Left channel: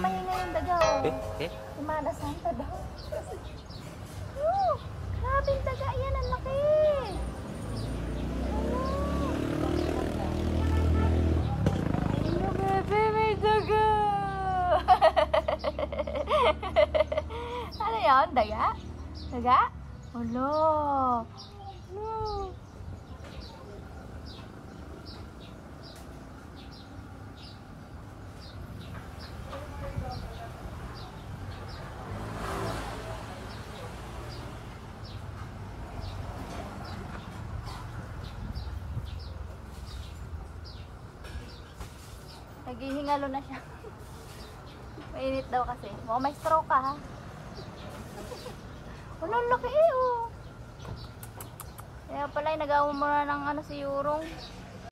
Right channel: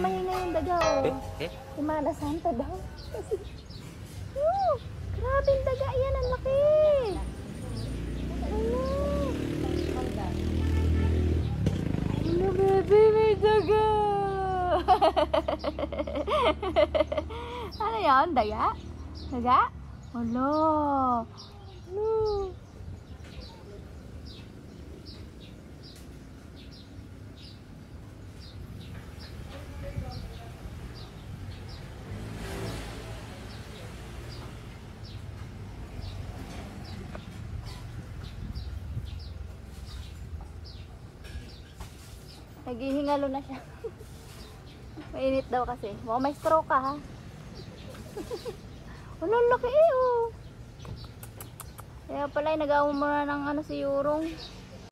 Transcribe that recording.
Mahinga yung daga. Imanasan pa daw. Grabe yung daga. Yan, ang laki. Ano, baby, may daga. Ano yun? Daga? Daga? Hala. Naghihingalo na siya. Mainit daw kasi. Mukhang may stroke ka ha. Ano laki eh oh. Kaya pala nag-aamo muna ng ano si Yurong.